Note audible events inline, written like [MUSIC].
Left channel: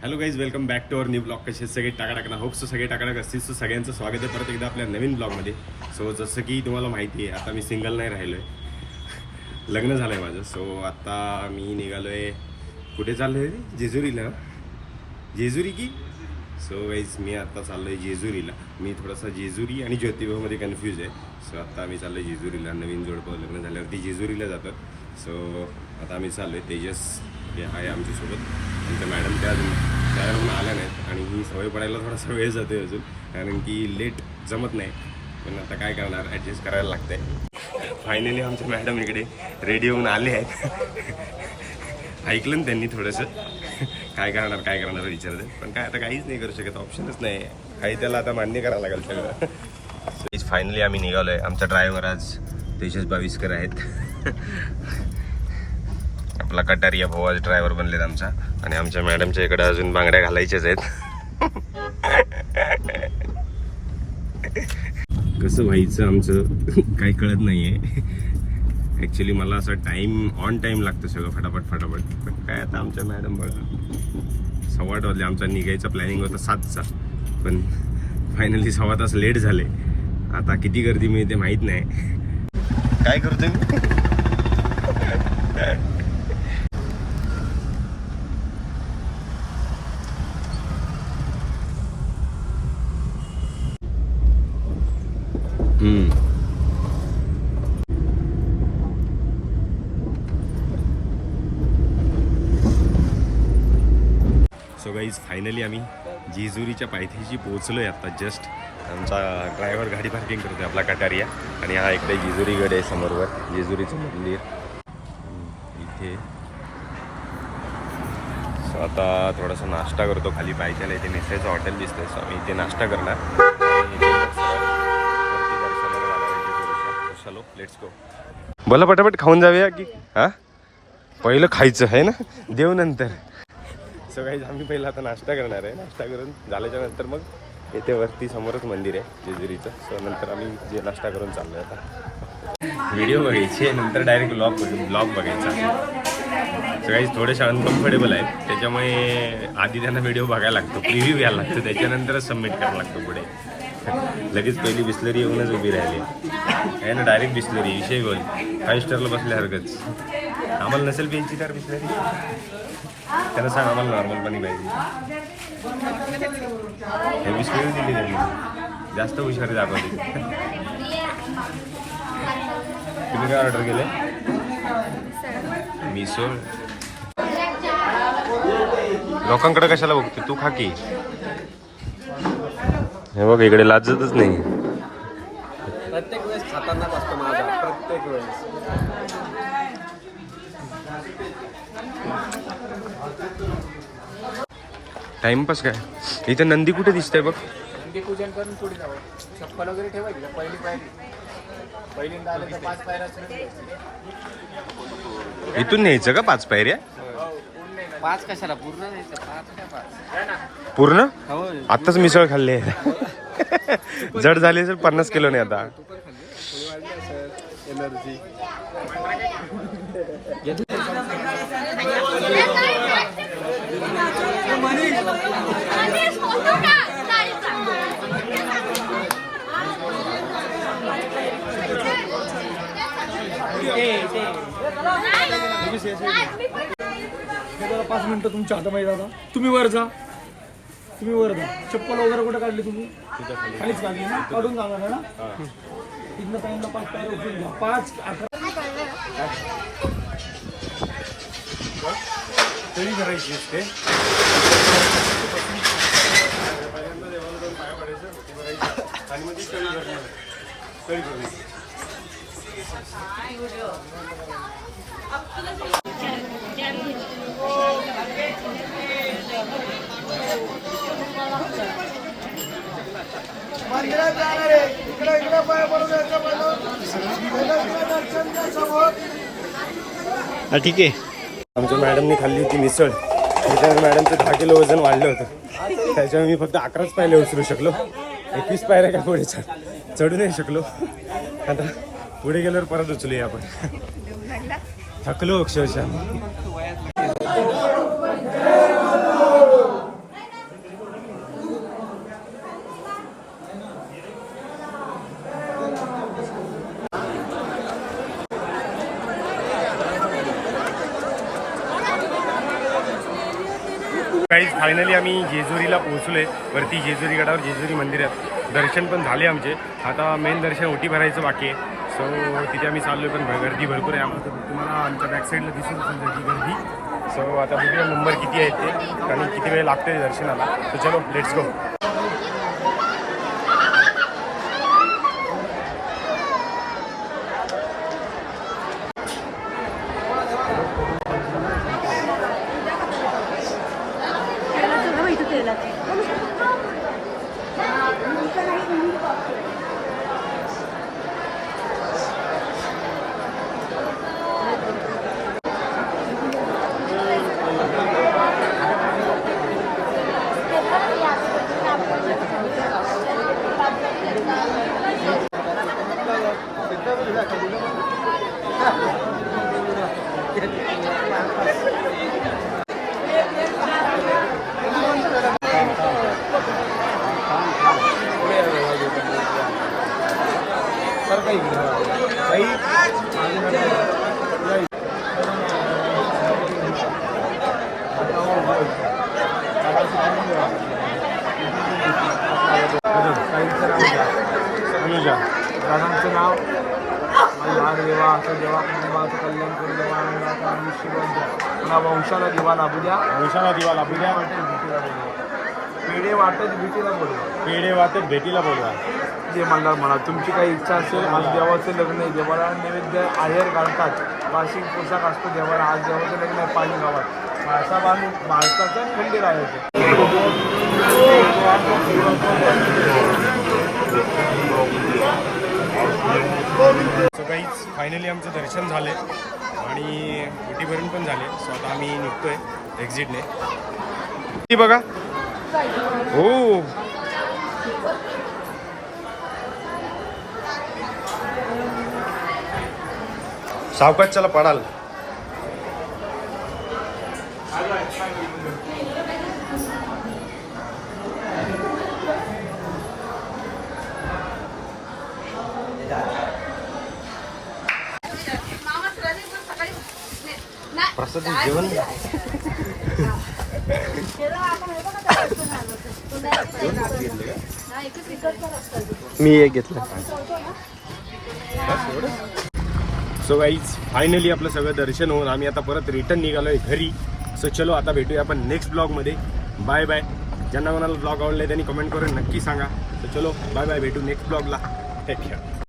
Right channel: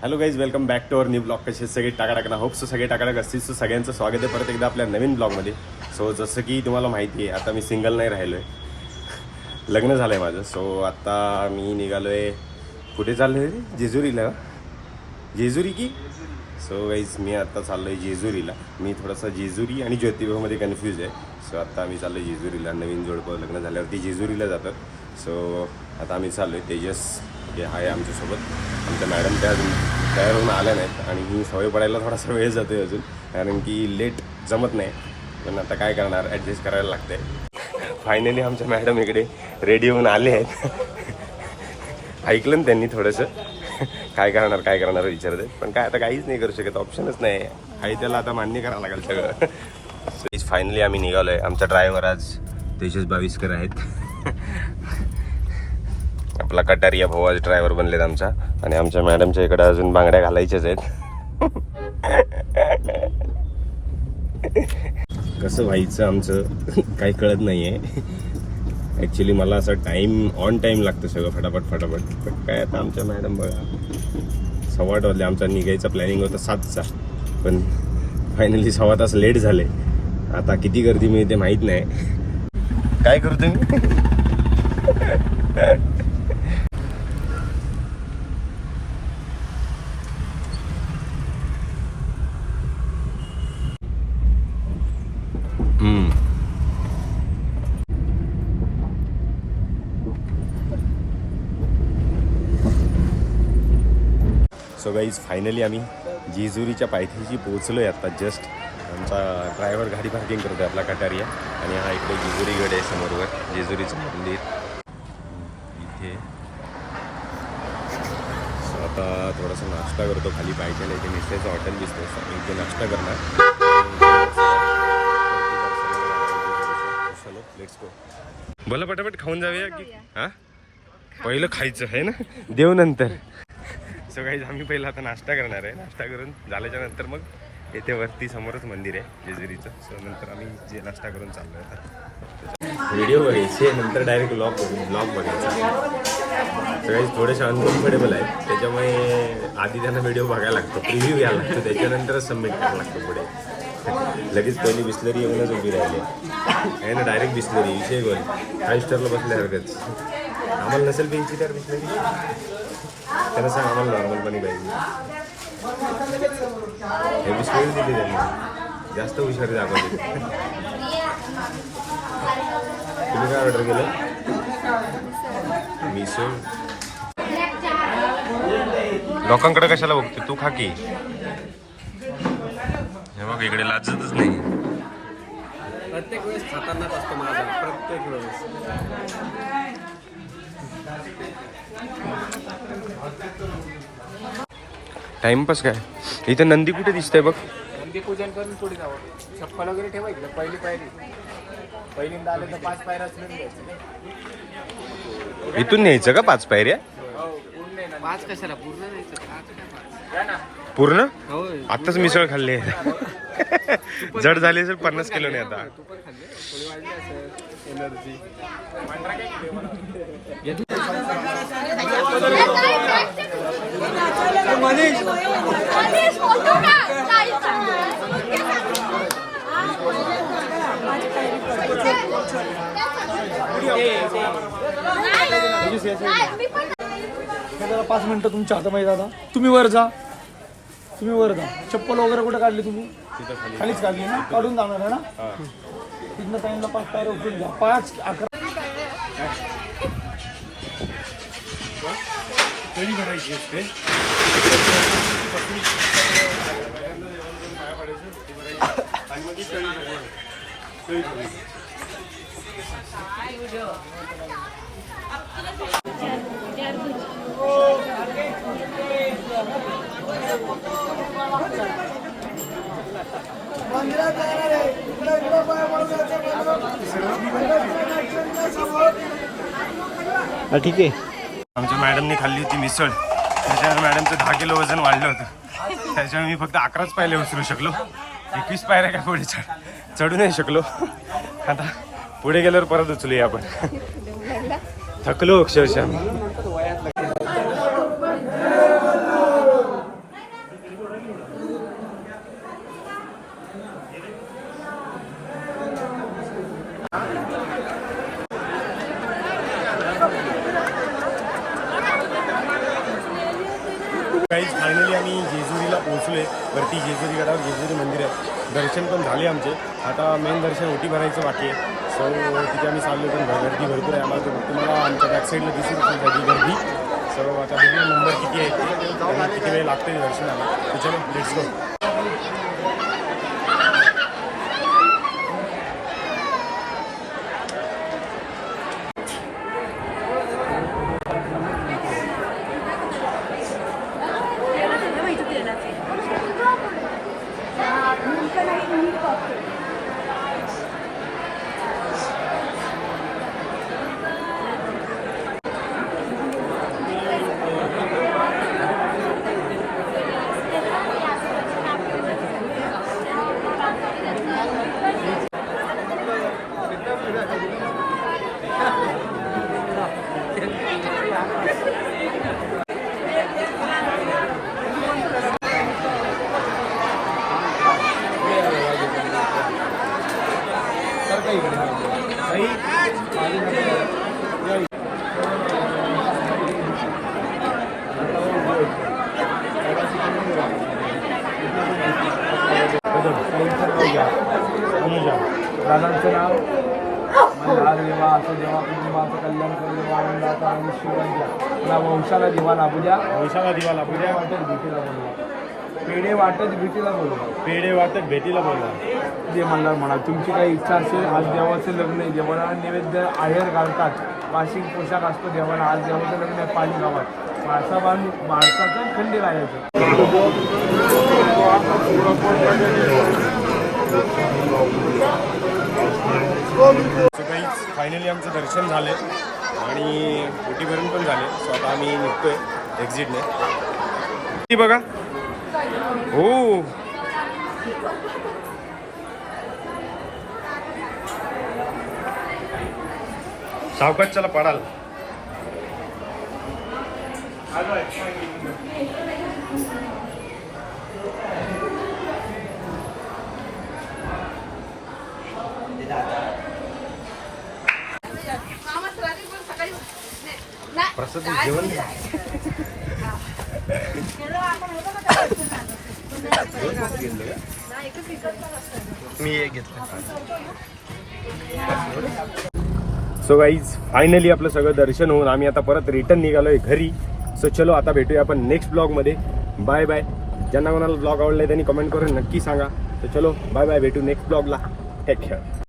Hello guys welcome back to our new blog कसे सगळे टाकाटाक ना? होप सो सगळे टाकाटाक असतील. सो सगळ्यांचं स्वागत आहे परत एकदा आपल्या नवीन ब्लॉगमध्ये सो जसं की तुम्हाला माहिती आहे आता मी सिंगल नाही राहिलो आहे [LAUGHS] लग्न झालं आहे माझं. सो आता मी निघालो आहे कुठे चाललो आहे जेजुरीला. जेजुरी की? सो गाईज मी आता चाललो आहे जेजुरीला. मी थोडासा जेजुरी आणि ज्योतिबामध्ये कन्फ्यूज आहे. सो आता आम्ही चाललो आहे जेजुरीला. नवीन जोडपं लग्न झाल्यावरती जेजुरीला जातात सो आता आम्ही चाललो आहे तेजस. हे आहे आमच्यासोबत आमच्या मॅडम त्या अजून तयार होऊन आल्या नाहीत आणि ही सवय पडायला थोडासा वेळ जातो आहे अजून. कारण की लेट जमत नाही. पण आता काय करणार? ॲडजस्ट करायला लागतंय. फायनली आमच्या मॅडम इकडे रेडी होऊन आले आहेत. ऐकलं ना त्यांनी थोडंसं. काय करणार काय करणार विचारते. पण काय आता काहीच नाही करू शकत. ऑप्शनच नाही. आहे त्याला आता मान्य करावं लागेल सगळं. फायनली आम्ही निघालो आहे आमचा ड्रायव्हर आज तेजस बावीसकर आहेत. आपला कटारिया भाऊ आज ड्रायव्हर बनलेत आमचा. आणि आमच्या मॅडमच्या इकडे अजून बांगड्या घालायच्याच आहेत. कसं व्हायचं आमचं काही कळत नाही आहे ॲक्च्युली मला असं टाईम ऑन टाईम लागतं सगळं फटाफट फटाफट. पण काय आता आमच्या मॅडम बघा. सव्वा वाजले आमचा निघायचा प्लॅनिंग होता सातचा. पण फायनली सव्वा तास लेट झाले. आता किती गर्दी मिळते माहीत नाही. काय करते सो गाईज फायनली आम्ही जेजुरीच्या पायथ्याशी पोहोचलो आहे आत्ता जस्ट आमचा ड्रायव्हर गाडी पार्किंग करतो आहे आपला कटारिया. आणि हा इकडे जेजुरी गड आहे समोरवर जेजुरीचं मंदिर. इथे. सो आता थोडासा नाश्ता करतो खाली पायथ्याला इथे मिसळचं हॉटेल दिसतंय. सो आम्ही इथे नाश्ता करणार. चलो लेट्स गो बोला पटापट खाऊन जाऊया की हा? पहिलं खायचं आहे ना? देव नंतर. सो काही आम्ही पहिला आता नाश्ता करणार आहे. नाश्ता करून झाल्याच्यानंतर मग येथे वरती समोरच मंदिर आहे जेजुरीचं. सो नंतर आम्ही जे नाश्ता करून चाललो आहे आता. व्हिडिओ बघायचे नंतर डायरेक्ट ब्लॉग ब्लॉग बघायचा. सो काही थोडेसे अनकम्फर्टेबल आहेत. त्याच्यामुळे आधी त्यांना व्हिडिओ बघायला लागतो प्रिव्ह्यू घ्यायला लागतो. त्याच्यानंतरच सबमिट करायला लागतो पुढे. लगेच पहिली बिस्लरी येऊनच उभी राहिली. आहे ना डायरेक्ट बिस्लरी विषय गोल. फाईव्ह स्टारला बसल्यासारखंच. आम्हाला नसेल प्यायची तर बिस्लरी. त्यांना सांग आम्हाला नॉर्मल पाणी पाहिजे. हे बिस्लरी दिली त्यांनी. जास्त हुशारी दाखवते. तुम्ही काय ऑर्डर केले? मिसळ. लोकांकडे कशाला बघते? तू खा की. हे बघ इकडे लाजतच नाही. प्रत्येक वेळेस खतरनाक असतो माझा प्रत्येक वेळेस. टाइमपास काय? इथे नंदी कुठे दिसतंय बघ. नंदी पूजन पुढे जावं. वगैरे ठेवायची? पहिली पायरी इथून न्यायचं का पाच पायऱ्या? पाच कशाला? पूर्ण द्यायचं पाच का पाच? पूर्ण? होय आताच मिसळ खाल्ली. जड झाली असेल पन्नास किलो नाही आता. एनर्जी हे [LAUGHS] पाच मिनिटं तुमच्या हातामध्ये दादा. तुम्ही वर जा. तुम्ही वर जा. चप्पल वगैरे कुठे काढली तुम्ही? खालीच काढली ना? काढून जाणार आहे ना? तिथनं टाइमला पाच पायऱ्या उचलून घ्या. पाच अकरा. कधी करायची असते ठीक आहे. आमच्या मॅडमने खाल्ली होती मिसळ. त्याच्यामुळे मॅडमचं दहा किलो वजन वाढलं होतं. त्याच्यामुळे मी फक्त अकराच पायले उचलू शकलो. एकवीस पायऱ्या काय पुढे चढ चढू नाही शकलो. आता पुढे गेल्यावर परत उचलूया आपण. थकलो अक्षरशः. काहीच फायनली आम्ही जेजुरीला पोहोचलोय. वरती जेजुरी गडावर जेजुरी मंदिरात दर्शन पण झाले आमचे. आता मेन दर्शन ओटी भरायचं बाकी आहे. सो तिथे आम्ही चाललोय पण गर्दी भरपूर आहे. आम्हाला तुम्हाला आमच्या बॅक साईडला दिसून असेल त्याची गर्दी. सो आता बघूया नंबर किती आहे ते. कारण किती वेळ लागते दर्शनाला. तर चलो let's go Thank you. नाव घ्या अनुजा दादांचं नाव मनहार देवा असं देवा कुटुंबाचं कल्याण कर देवा आनंदाचा आयुष्यवान द्या पुन्हा वंशाला दिवा लाभू द्या वंशाला दिवा लाभू द्या वाटत भीतीला बोलवा पेढे वाटत भीतीला बोलवा पेढे वाटत भेटीला बोलवा. जे मंडळ म्हणा तुमची काही इच्छा असेल आज देवाचं लग्न आहे. देवाला नैवेद्य आहेर घालतात. वार्षिक पोशाख असतो देवाला. आज देवाचं लग्न आहे पाणी गावात असा बाण भारताचा खंडीर आहे ते. सो काही फायनली आमचं दर्शन झालंय. आणि ओटी भरून पण झाले सो आता आम्ही निघतोय एक्झिटने ती बघा. हो सावकाश चला पडाल. प्रसाद जेवण [LAUGHS] मी एक घेतलं. सो गाईज फायनली आपलं सगळं दर्शन होऊन आम्ही आता परत रिटर्न निघालोय घरी. सो चलो आता भेटूया आपण नेक्स्ट ब्लॉगमध्ये बाय बाय ज्यांना कोणाला ब्लॉग आवडलाय त्यांनी कमेंट करून नक्की सांगा. तर चलो बाय बाय भेटू नेक्स्ट ब्लॉगला टेक केअर